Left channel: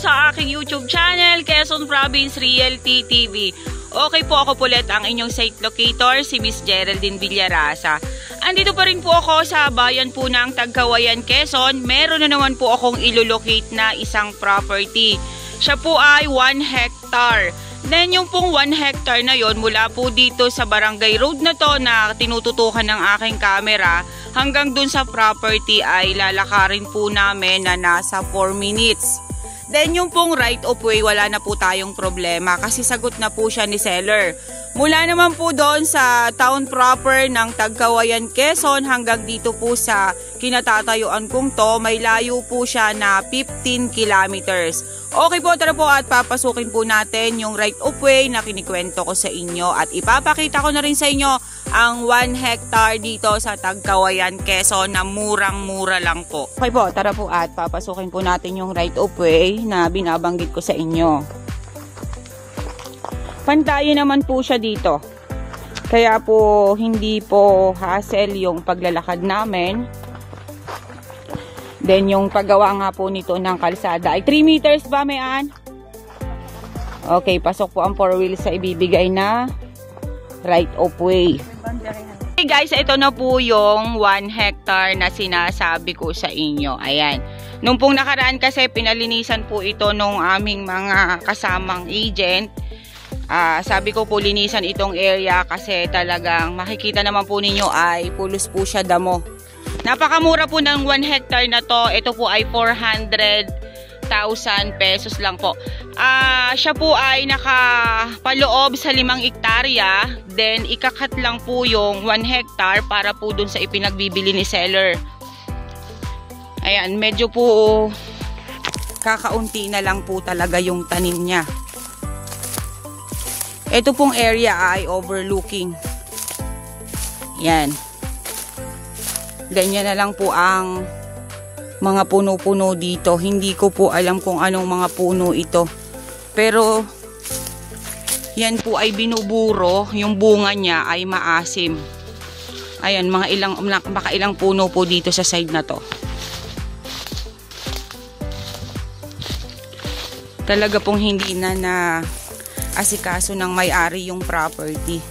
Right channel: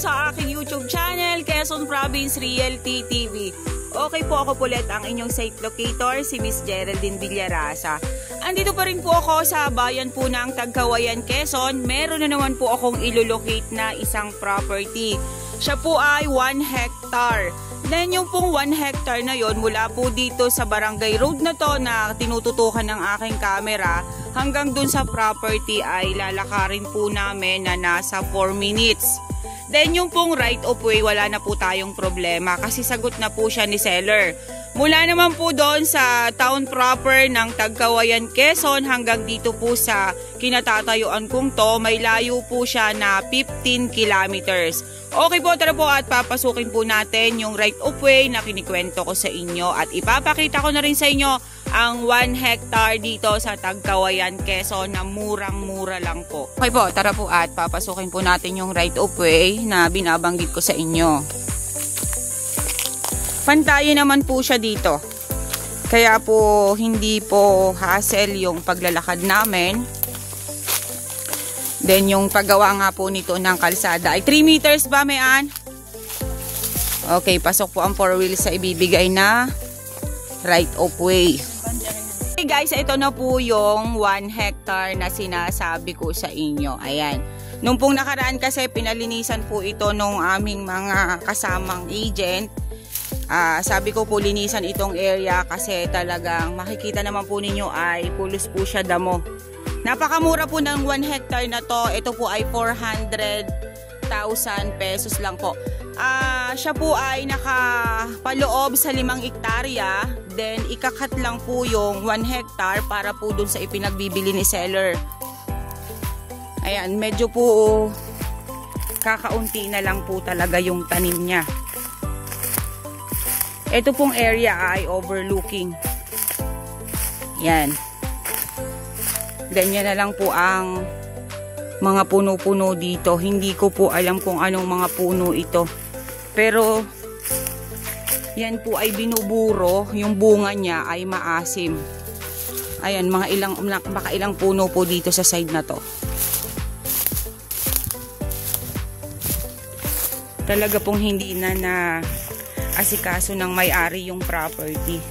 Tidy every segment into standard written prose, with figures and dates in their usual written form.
ulit sa aking YouTube channel, Quezon Province Realty TV. Okay po, ako po ulit ang inyong site locator, si Miss Geraldine Villarasa. Andito pa rin po ako sa bayan po ng Tagkawayan, Quezon. Meron na naman po akong ilolocate na isang property. Siya po ay 1 hectare. Then yung pong 1 hectare na yon, mula po dito sa barangay road na to na tinututukan ng aking camera hanggang dun sa property ay lalakarin po namin na nasa 4 minutes. Then yung pong right of way, wala na po tayong problema kasi sagot na po siya ni seller. Mula naman po doon sa town proper ng Tagkawayan, Quezon hanggang dito po sa kinatatayuan kong to, may layo po siya na 15 kilometers. Okay po, tara po at papasukin po natin yung right of way na kinikwento ko sa inyo at ipapakita ko na rin sa inyo ang 1 hectare dito sa Tagkawayan, Quezon na murang-mura lang po. Okay po, tara po at papasukin po natin yung right of way na binabanggit ko sa inyo. Pantayin naman po siya dito. Kaya po hindi po hassle yung paglalakad namin. Then yung paggawa nga po nito ng kalsada ay 3 meters ba, Mayan? Okay, pasok po ang 4 wheels sa ibibigay na right of way. Okay guys, ito na po yung 1 hectare na sinasabi ko sa inyo. Ayan. Nung pong nakaraan kasi pinalinisan po ito nung aming mga kasamang agent. Sabi ko po linisan itong area kasi talagang makikita naman po ninyo ay pulos po siya damo. Napakamura po ng 1 hectare na to. Ito po ay 400,000 pesos lang po. Siya po ay nakapaloob sa 5 hektarya. Then ikakat lang po yung 1 hectare para po dun sa ipinagbibili ni seller. Ayan, medyo po kakaunti na lang po talaga yung tanim niya. Ito pong area ay overlooking. Yan. Ganyan na lang po ang mga puno-puno dito. Hindi ko po alam kung anong mga puno ito. Pero yan po ay binuburo. Yung bunga niya ay maasim. Ayan, baka ilang puno po dito sa side na to. Talaga pong hindi na asikaso ng may-ari yung property.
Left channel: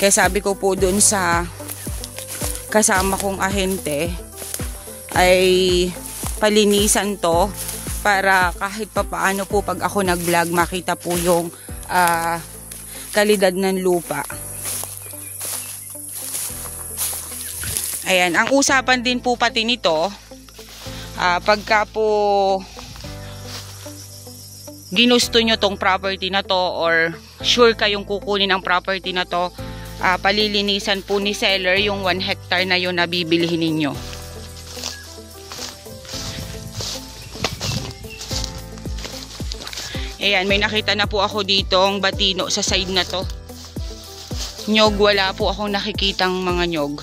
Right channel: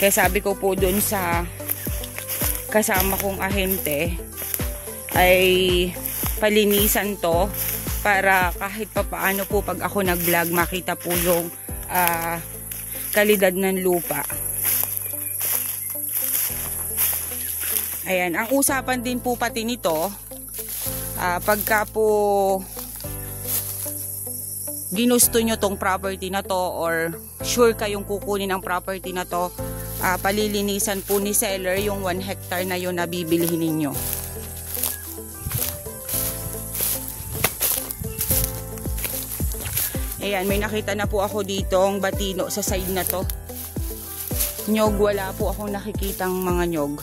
Kaya sabi ko po dun sa kasama kong ahente ay palinisan to para kahit papaano po pag ako nag-vlog makita po yung kalidad ng lupa. Ayan, ang usapan din po pati nito pagka po ginusto nyo tong property na to or sure kayong kukunin ang property na to, palilinisan po ni seller yung 1 hectare na yun na bibilihin ninyo. Ayan, may nakita na po ako dito ang batino sa side na to. Nyog, wala po akong nakikitang mga nyog.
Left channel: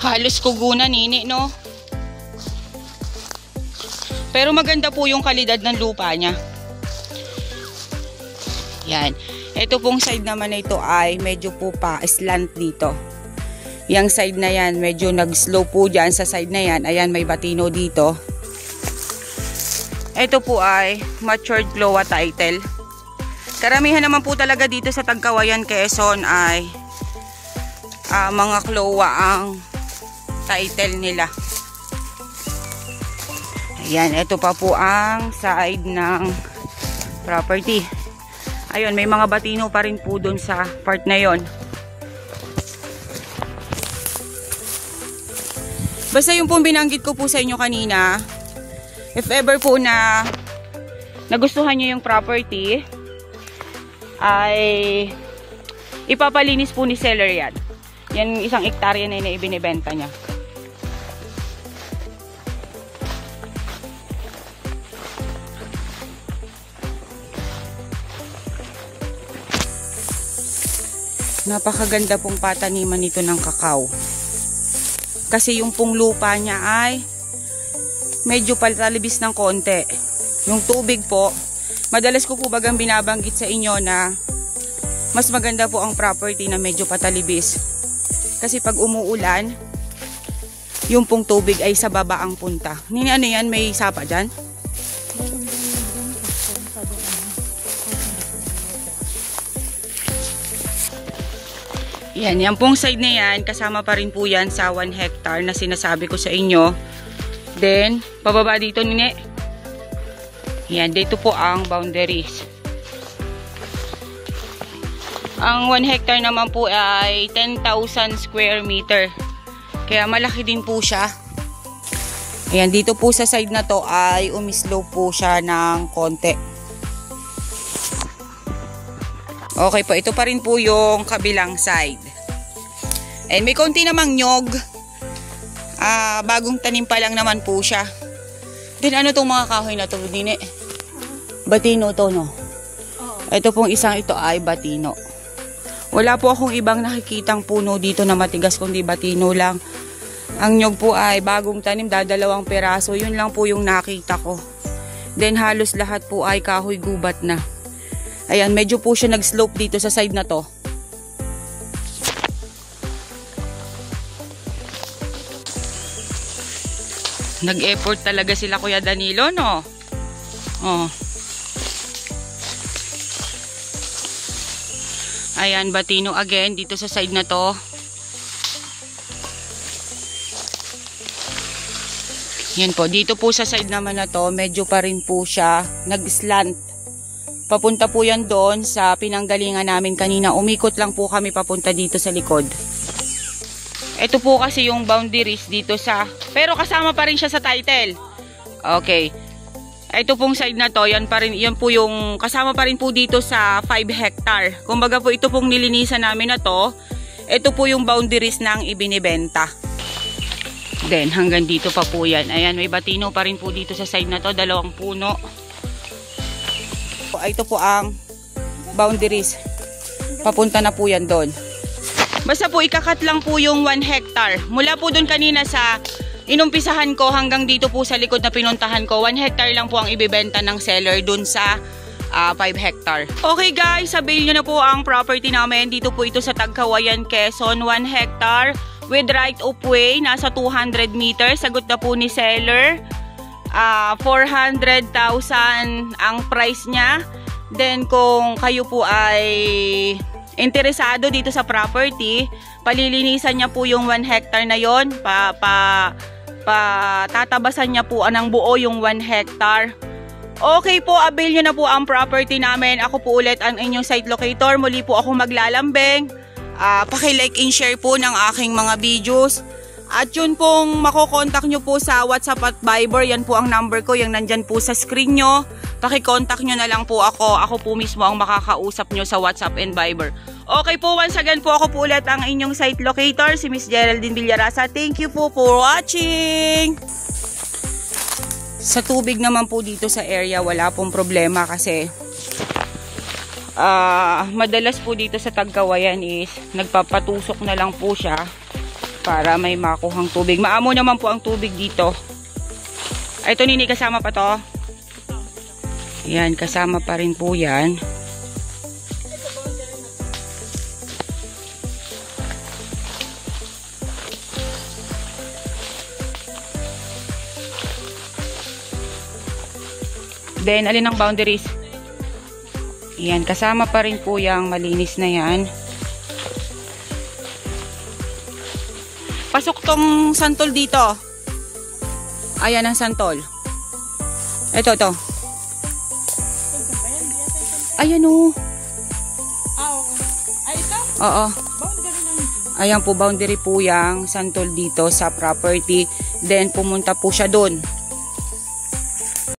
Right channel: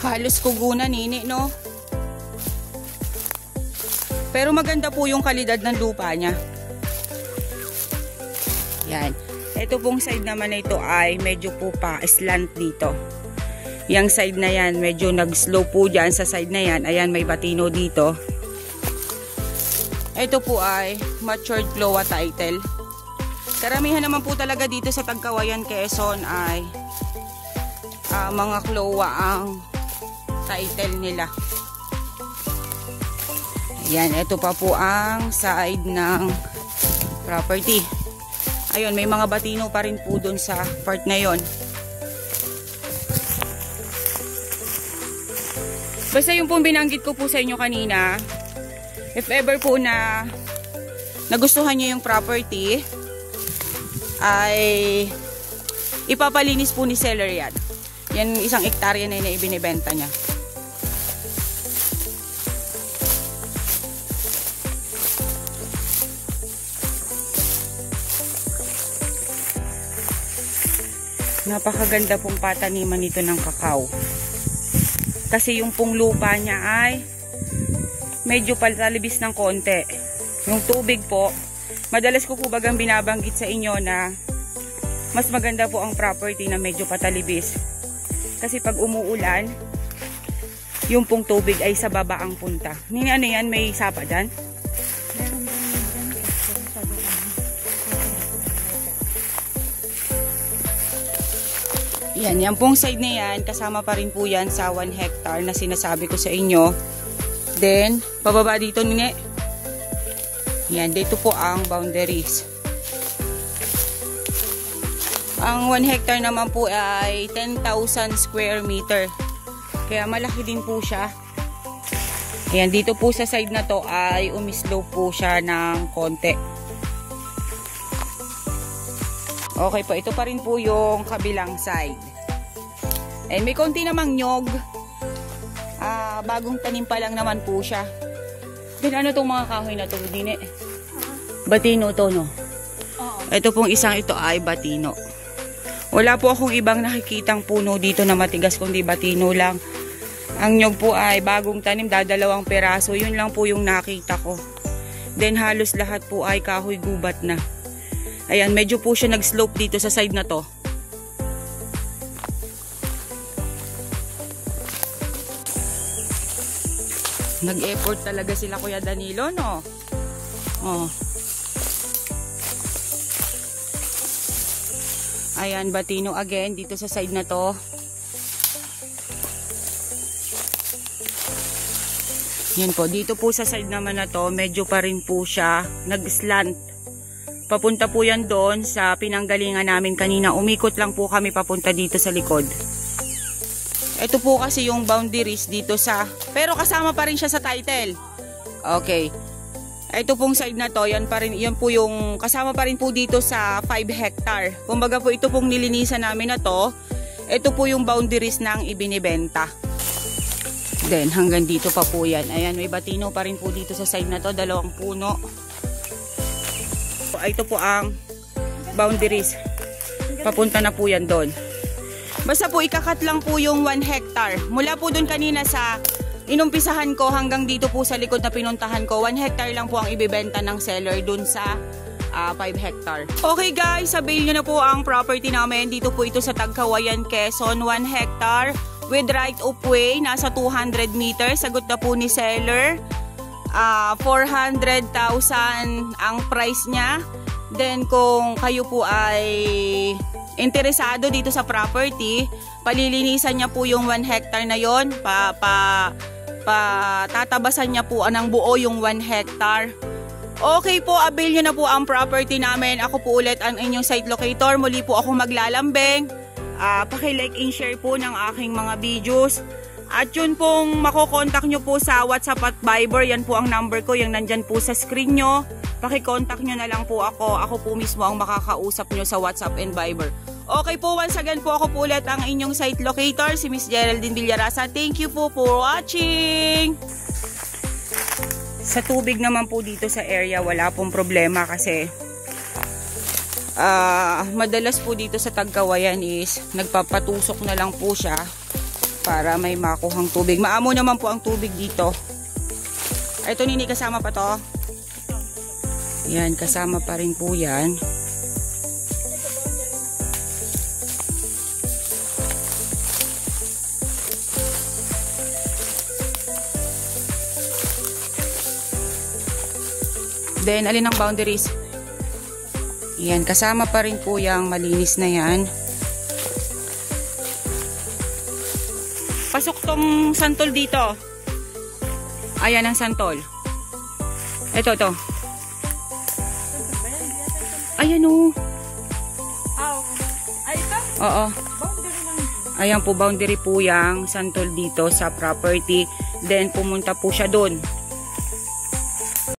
Halos kugunan nini, no? Pero maganda po yung kalidad ng lupa niya. Yan. Ito pong side naman na ito ay medyo po pa slant dito. Yang side na yan, medyo nag-slow po dyan sa side na yan. Ayan, may batino dito. Ito po ay matured Cloa title. Karamihan naman po talaga dito sa Tagkawayan, Quezon ay mga Cloa ang title nila. Ayan, ito pa po ang side ng property. Ayun, may mga batino pa rin po dun sa part na yon. Basta yung pong binanggit ko po sa inyo kanina, if ever po na nagustuhan nyo yung property, ay ipapalinis po ni seller yan. Yan 1 hektarya na yung ibinibenta niya. Napakaganda pong pataniman nito ng kakao. Kasi yung pong lupa niya ay medyo palalibis ng konti. Yung tubig po, madalas ko po bagang binabanggit sa inyo na mas maganda po ang property na medyo patalibis. Kasi pag umuulan, yung pong tubig ay sa baba ang punta. Nini, ano yan? May sapa dyan? Yan pong side na yan, kasama pa rin po yan sa 1 hectare na sinasabi ko sa inyo. Then, pababa dito nini. Yan, dito po ang boundaries. Ang 1 hectare naman po ay 10,000 square meter. Kaya malaki din po siya. Ayan, dito po sa side na to ay umislope po siya ng konti. Okay po, ito pa rin po yung kabilang side. And may konti namang nyog. Bagong tanim pa lang naman po siya. Then ano itong mga kahoy na to, Dine? Batino to, no? Ito pong isang ito ay batino. Wala po akong ibang nakikitang puno dito na matigas kundi batino lang. Ang nyog po ay bagong tanim, dadalawang peraso. Yun lang po yung nakita ko. Then halos lahat po ay kahoy gubat na. Ayan, medyo po siya nag-slope dito sa side na to. Nag-effort talaga sila Kuya Danilo, no? Oh. Ayan, batino again dito sa side na to. Yan po, dito po sa side naman na to, medyo pa rin po siya nag-slant. Papunta po yan doon sa pinanggalingan namin kanina. Umikot lang po kami papunta dito sa likod. Ito po kasi yung boundaries dito sa... Pero kasama pa rin siya sa title. Okay. Ito pong side na to, yan po yung kasama pa rin po dito sa 5 hectare. Kumbaga po ito pong nilinisan namin na to. Ito po yung boundaries ng ibinibenta. Then hanggang dito pa po yan. Ayan, may batino pa rin po dito sa side na to. 2 puno. Ito po ang boundaries. Papunta na po yan doon. Basta po ikakat lang po yung 1 hectare. Mula po doon kanina sa inumpisahan ko hanggang dito po sa likod na pinuntahan ko, 1 hectare lang po ang ibibenta ng seller doon sa 5 hectare. Okay guys, sabihin nyo na po ang property namin. Dito po ito sa Tagkawayan, Quezon. 1 hectare with right of way. Nasa 200 meters. Sagot na po ni seller. 400,000 ang price niya. Then kung kayo po ay interesado dito sa property, palilinisan niya po yung 1 hectare na yon, tatabasan niya po ng buo yung 1 hectare. Okay po, avail nyo na po ang property namin. Ako po ulit ang inyong site locator. Muli po ako maglalambing. Paki-like and share po ng aking mga videos. At yun pong makokontak nyo po sa WhatsApp at Viber. Yan po ang number ko, yung nandyan po sa screen nyo. Paki-contact nyo na lang po ako. Ako po mismo ang makakausap nyo sa WhatsApp and Viber. Okay po, once again po ako po ulit ang inyong site locator, si Miss Geraldine Villarasa. Thank you po for watching! Sa tubig naman po dito sa area, wala pong problema kasi madalas po dito sa Tagkawayan is nagpapatusok na lang po siya para may makuhang tubig. Maamo naman po ang tubig dito. Ito nini, kasama pa to. Yan, kasama pa rin po yan. Then, alin ang boundaries? Yan, kasama pa rin po yung malinis na yan. Pasok tong santol dito. Ayan ang santol. Ito. Ayan o. Oo. Ayan po, boundary po yung santol dito sa property. Then, pumunta po siya doon.